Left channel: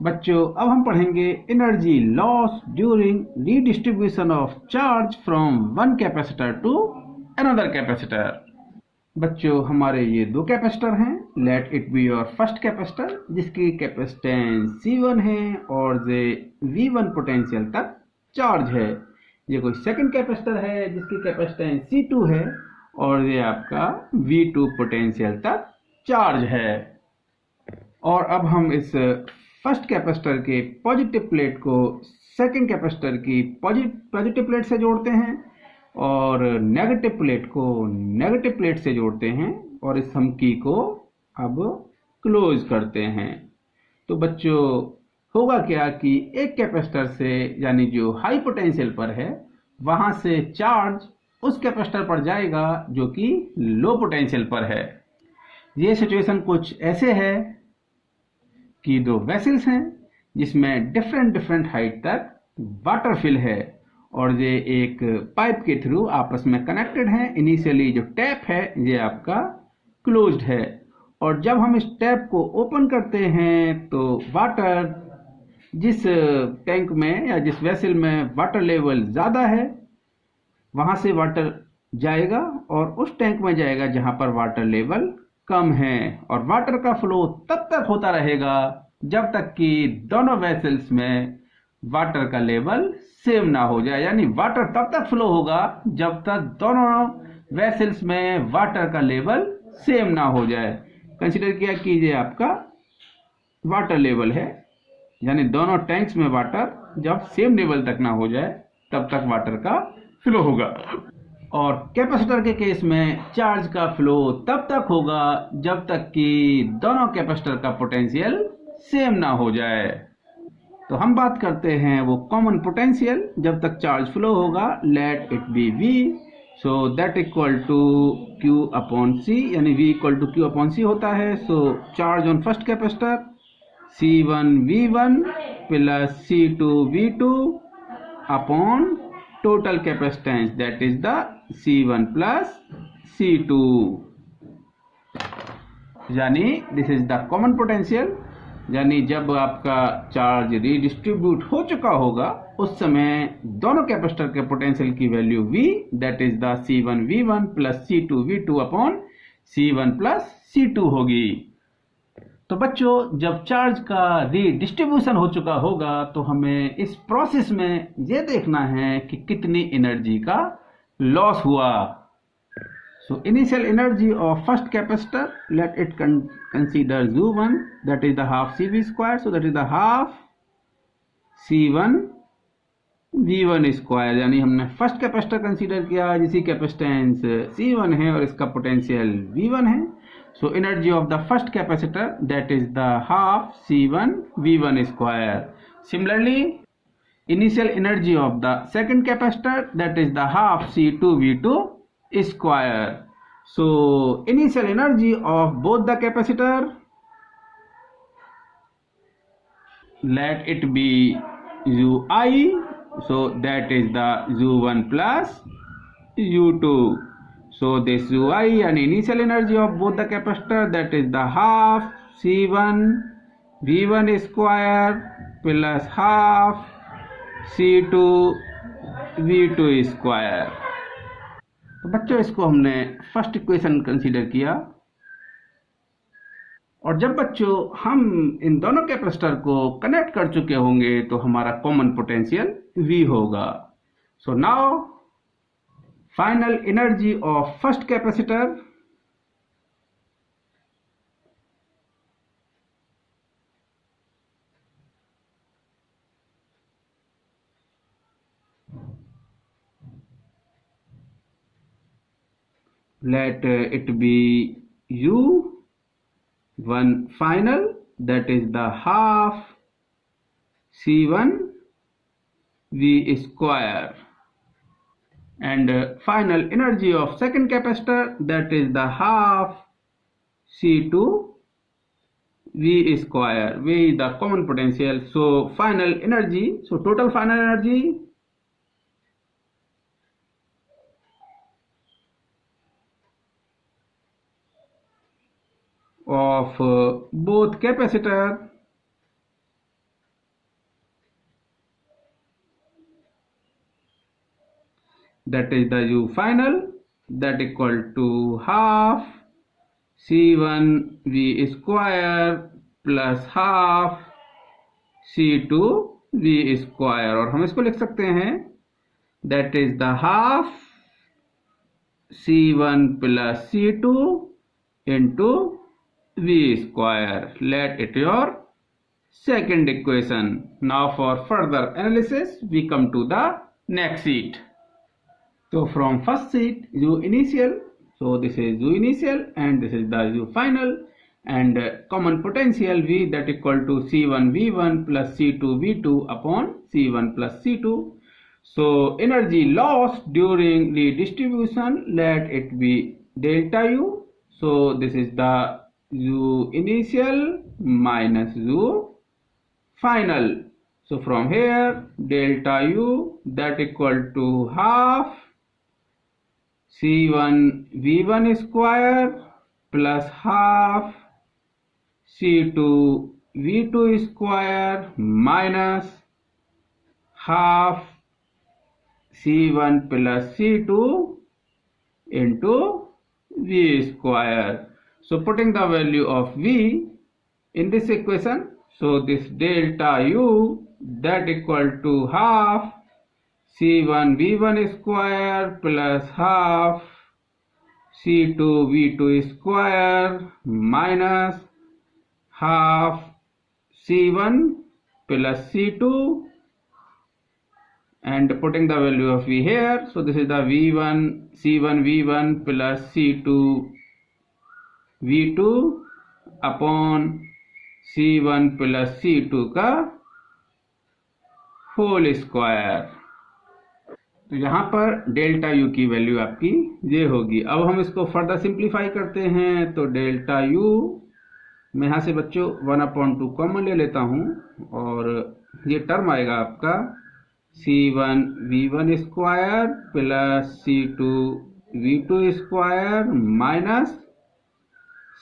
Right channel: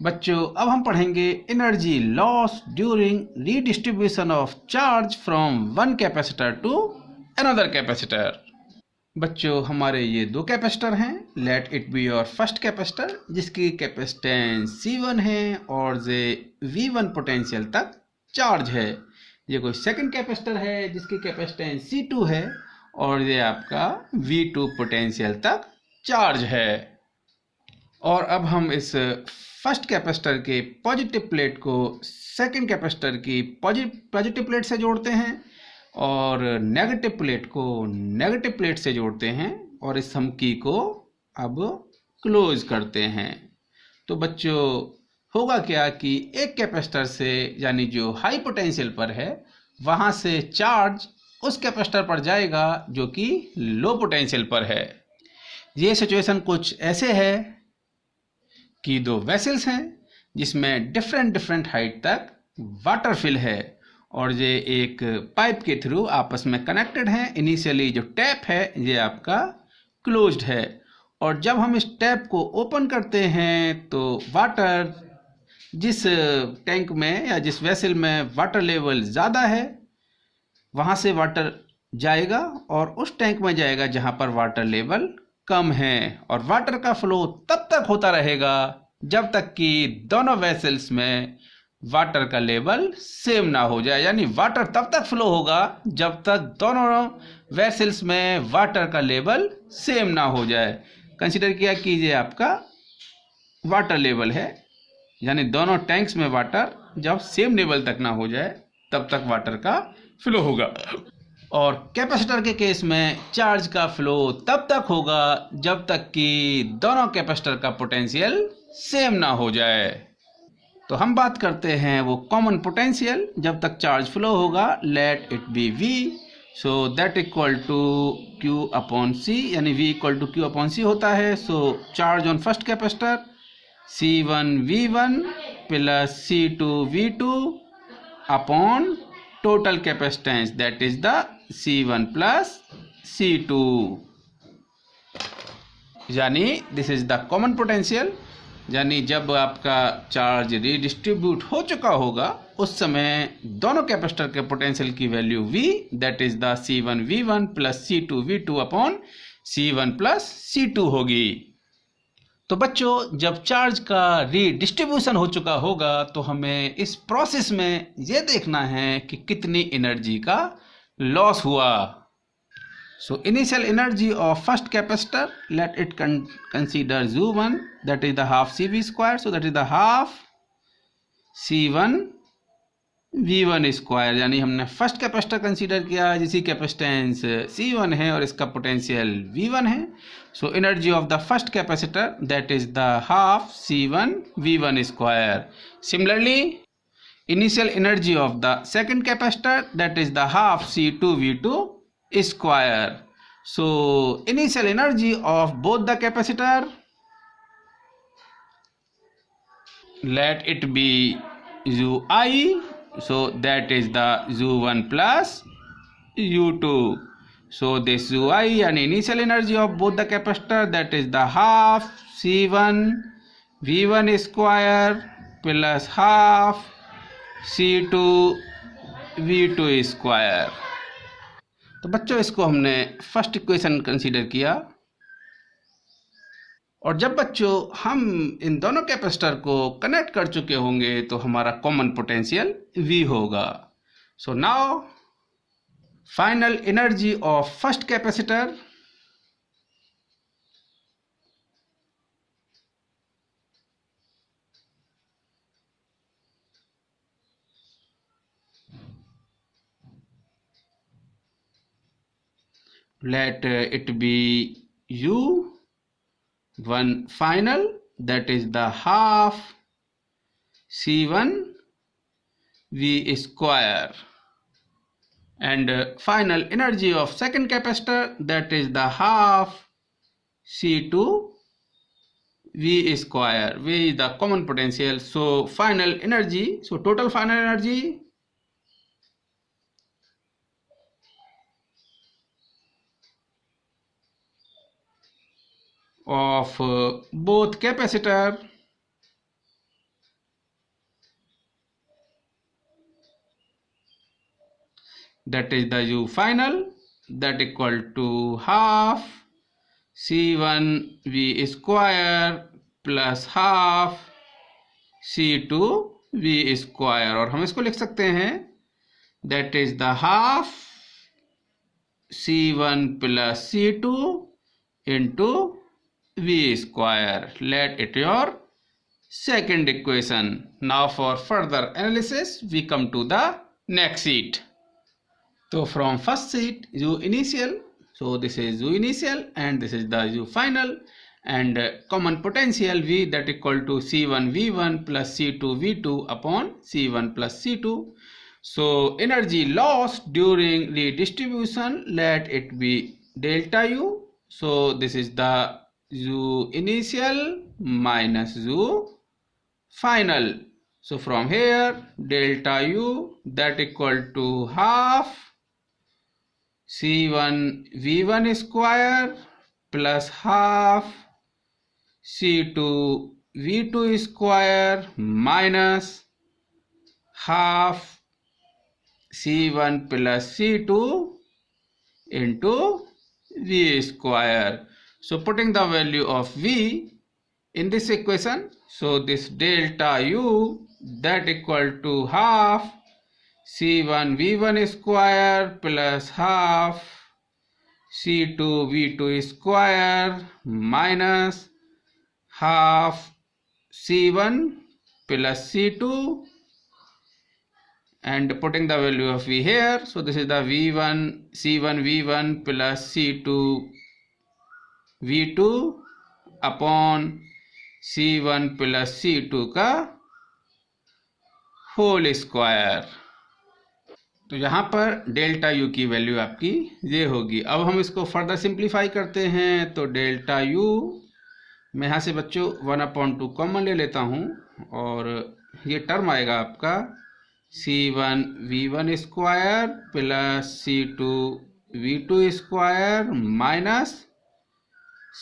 बच्चों अब हम पढ़ेंगे energy loss during redistribution of charge from one capacitor to another capacitor. बच्चों हमारे ये दो कैपेसिटर हैं। Let it be your first capacitor जिसकी कैपेसिटेंस C1 है और ये V1 पोटेंशियल तक चार्ज है। ये कोई सेकंड कैपेसिटर है जिसकी कैपेसिटेंस C2 है और ये आपका V2 पोटेंशियल तक चार्ज है। और अब हम इस फर्स्ट कैपेसिटर के पॉजिटिव प्लेट को सेकंड कैपेसिटर की पॉजिटिव प्लेट से जोड़ते हैं और नेगेटिव प्लेट को नेगेटिव प्लेट से जोड़ते हैं और इस समकी को अब क्लोज करते हैं। तो बच्चों होगा क्या कि एक कैपेसिटर से यानी जो हाई पोटेंशियल पर है वहां से चार्ज उस कैपेसिटर पर जाएगा जो कि लो पोटेंशियल पर है। ये सिचुएशन कुछ ऐसे है कि दो वेसल्स हैं जिसमें डिफरेंट हाइट तक वाटर फिल है और ये एक पाइप के थ्रू आपस में कनेक्टेड हैं। इनिशियली जो टैप है ये आपका क्लोज्ड है और जब हम इस टैप को ओपन करते हैं तो वाटर जिस टैंक में या जिस वेसल में वाटर लेवल ज़्यादा है वहाँ से वाटर जाएगा और उस टैंक में जाएगा जहाँ पर वाटर लेवल कम है और वाटर का फ्लो तब तक होता रहेगा जब तक कि दोनों वेसल्स में वाटर का लेवल सेम ना हो जाए। यानी वाटर तब तक फ्लो होगा जब तक दोनों वेसल्स में वाटर का लेवल सेम ना हो जाए। कंसीडर किया कि ये आपका वाटर लेवल है यानी दोनों टैंक्स में वाटर जब सेम लेवल तक ना हो जाए तब तक वाटर का फ्लो होगा। और कैपेसिटर के केस में चार्ज का फ्लो तब तक होगा जब तक कि दोनों कैपेसिटर का पोटेंशियल सेम ना हो जाए। तो हम बात करते हैं वो कॉमन पोटेंशियल जब तक चार्ज फ्लो होगा। Let it be V, so that equal to Q upon C, यानी V equal to Q upon C होता है। So charge on first capacitor C1 V1 plus C2 V2 upon total capacitance that is the C1 plus C2, यानी this is the common potential. यानी जब आपका charge redistribute हो चुका होगा उस समय दोनों कैपेसिटर के पोटेंशियल की value V that is the C1 V1 plus C2 V2 upon C1 plus C2 होगी। तो बच्चों जब चार्ज का रीडिस्ट्रीब्यूशन हो चुका होगा तो हमें इस प्रोसेस में ये देखना है कि कितनी एनर्जी का लॉस हुआ। So initial energy of first capacitor let it consider U1 that is the half CV square, so that is the half C1 V1 square. यानी हमने फर्स्ट कैपेसिटर कंसीडर किया जिसकी कैपेसिटेंस C1 है और इसका potential V1 है। So energy of the first capacitor that is the half C1 V1 square. Similarly, initial energy of the second capacitor that is the half C2 V2 square. So initial energy of both the capacitor, let it be UI, so that is the U1 plus U2. So this UI and initial energy of both the capacitor that is the half C1 V1 square plus half C2 V2 square। तो बच्चों इसको हमने first equation consider किया और जब बच्चों हम इन दोनों कैपेसिटर को कनेक्ट कर चुके होंगे तो हमारा कॉमन पोटेंशियल V होगा। So now final energy of first capacitor let it be U1 final that is the half C1 V square and final energy of second capacitor that is the half C2 V square. V is the common potential, so final energy, so total final energy of both capacitor that is the U final, that equal to half C1 V square plus half C2 V square, और हम इसको लिख सकते हैं that is the half C1 plus C2 into V square. Let it your second equation. Now for further analysis we come to the next sheet. So from first sheet U initial, so this is U initial and this is the U final, and common potential V that equal to C1 V1 plus C2 V2 upon C1 plus C2. So energy loss during redistribution, let it be delta U. So this is the U initial minus U final. So from here delta U that equal to half C1 V1 square plus half C2 V2 square minus half C1 plus C2 into V square. So putting the value of V in this equation, so this delta U that equal to half C1 V1 square plus half C2 V2 square minus half C1 plus C2, and putting the value of V here, so this is the V1 C1 V1 plus C2 V2 upon C1 plus C2 का whole square. तो यहाँ पर delta U की value आपकी ये होगी। अब हम इसको फर्दर सिंप्लीफाई करते हैं, तो डेल्टा यू मैं यहाँ से बच्चों 1/2 कॉमन ले लेता हूँ, और ये टर्म आएगा आपका C1 V1 square plus C2 V2 square minus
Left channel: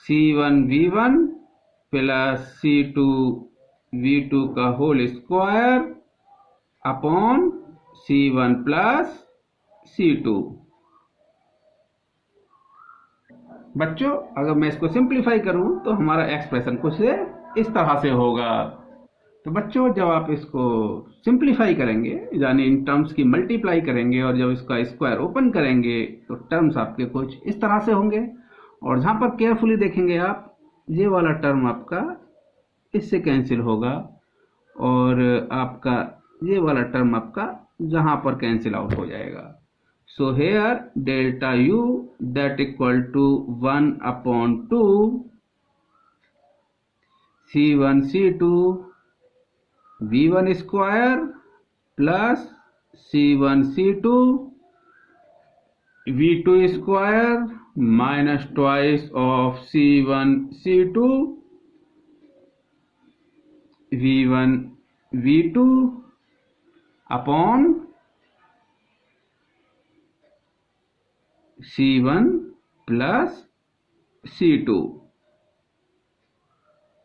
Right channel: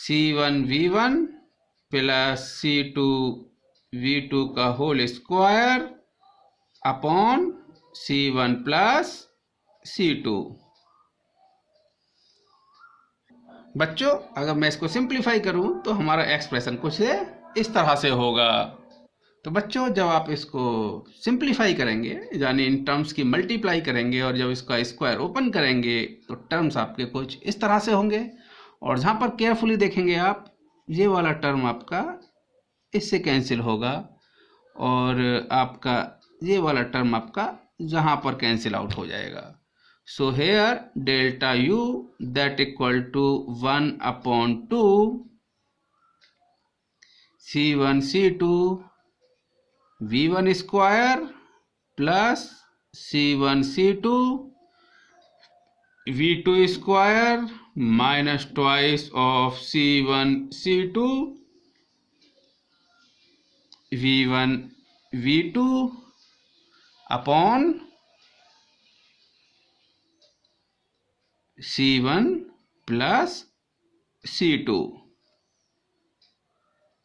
C1 V1 plus C2 V2 का whole square upon C1 plus C2। बच्चों अगर मैं इसको सिंप्लीफाई करूं तो हमारा एक्सप्रेशन कुछ इस तरह से होगा। तो बच्चों जब आप इसको सिंप्लीफाई करेंगे, यानी इन टर्म्स की मल्टीप्लाई करेंगे, और जब इसका स्क्वायर ओपन करेंगे तो टर्म्स आपके कुछ इस तरह से होंगे। और जहाँ पर केयरफुली देखेंगे आप, ये वाला टर्म आपका इससे कैंसिल होगा, और आपका ये वाला टर्म आपका जहाँ पर कैंसिल आउट हो जाएगा। So here delta U that equal to 1/2 C1 C2 V1 square plus C1 C2 V2 square minus twice of C1 C2 V1 V2 upon C1 plus C2.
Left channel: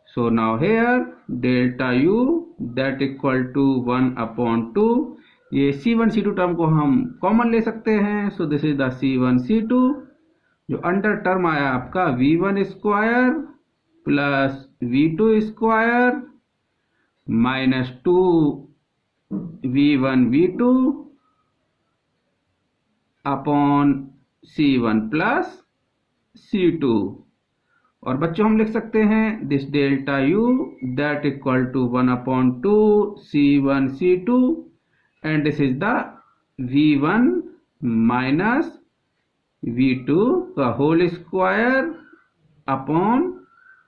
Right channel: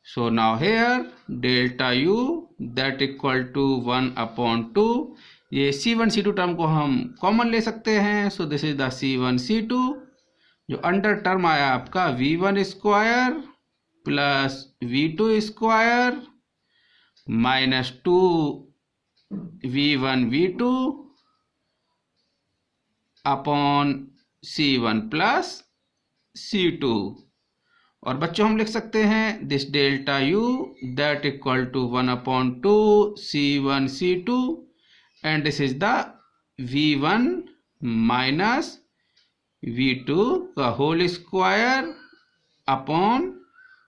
So now here delta U that equal to 1/2, ये C1 C2 term को हम common ले सकते हैं। So this is the C1 C2, जो under term आया आपका V1 square plus V2 square minus 2 V1 V2 upon C1 plus C2। और बच्चों हम लिख सकते हैं this delta U that equal to 1/2 C1 C2, and this is the V1 minus V2 का whole square upon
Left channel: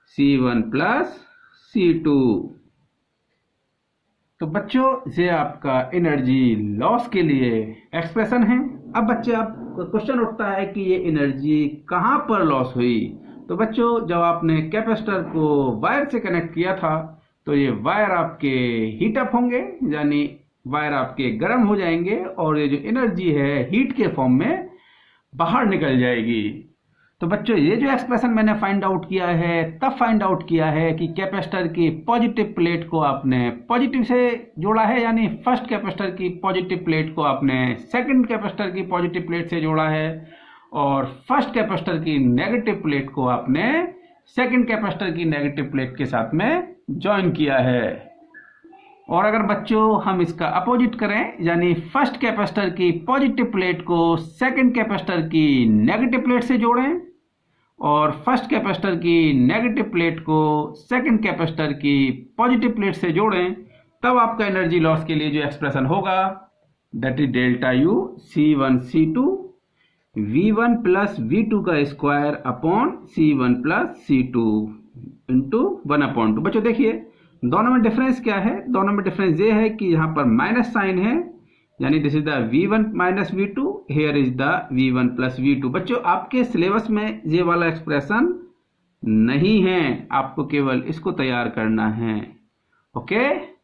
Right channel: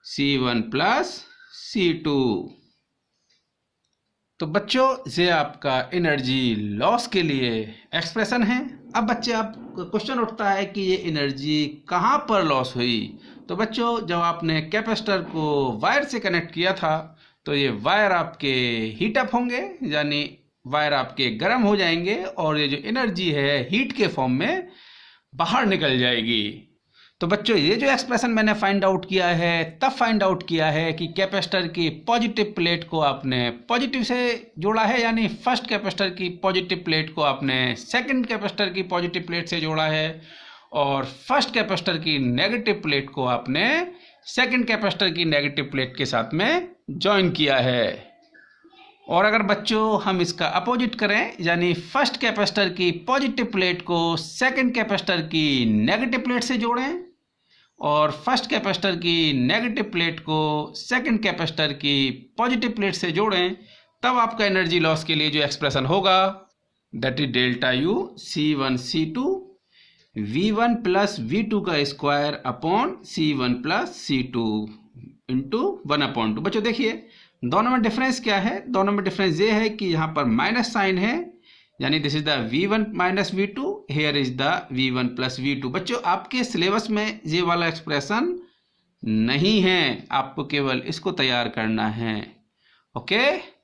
C1 plus C2। तो बच्चों ये आपका एनर्जी लॉस के लिए एक्सप्रेशन है। अब बच्चे आप क्वेश्चन उठता है कि ये एनर्जी कहाँ पर लॉस हुई। तो बच्चों जब आपने कैपेसिटर को वायर से कनेक्ट किया था तो ये वायर आपके हीट अप होंगे, यानी वायर आपके गर्म हो जाएंगे, और ये जो एनर्जी है हीट के फॉर्म में बाहर निकल जाएगी। तो बच्चों ये जो एक्सप्रेशन मैंने फाइंड आउट किया है तब फाइंड आउट किया है कि कैपेसिटर की पॉजिटिव प्लेट को आपने पॉजिटिव से जोड़ा है, यानी फर्स्ट कैपेसिटर की पॉजिटिव प्लेट को आपने सेकंड कैपेसिटर की पॉजिटिव प्लेट से जोड़ा है, और फर्स्ट कैपेसिटर की नेगेटिव प्लेट को आपने सेकंड कैपेसिटर की नेगेटिव प्लेट के साथ में ज्वाइन किया है। और अगर बच्चों हम इसका अपोजिट करें, यानी फर्स्ट कैपेसिटर की पॉजिटिव प्लेट को सेकंड कैपेसिटर की नेगेटिव प्लेट से जोड़ें और फर्स्ट कैपेसिटर की नेगेटिव प्लेट को सेकंड कैपेसिटर की पॉजिटिव प्लेट से जोड़ें, तब आपका एनर्जी लॉस के लिए जो एक्सप्रेशन होगा that is delta U C1 C2 V1 plus V2 का square upon C1 plus C2 into 1/2। बच्चों देखिए दोनों में डिफरेंस क्या है, दोनों में डिफरेंस ये है कि यहाँ पर माइनस साइन है, यानी this is the V1 minus V2, here is the V1 plus V2। बच्चों आपके सिलेबस में ये वाला एक्सप्रेशन नहीं है, आपको केवल इसको तैयार करना है। ओके।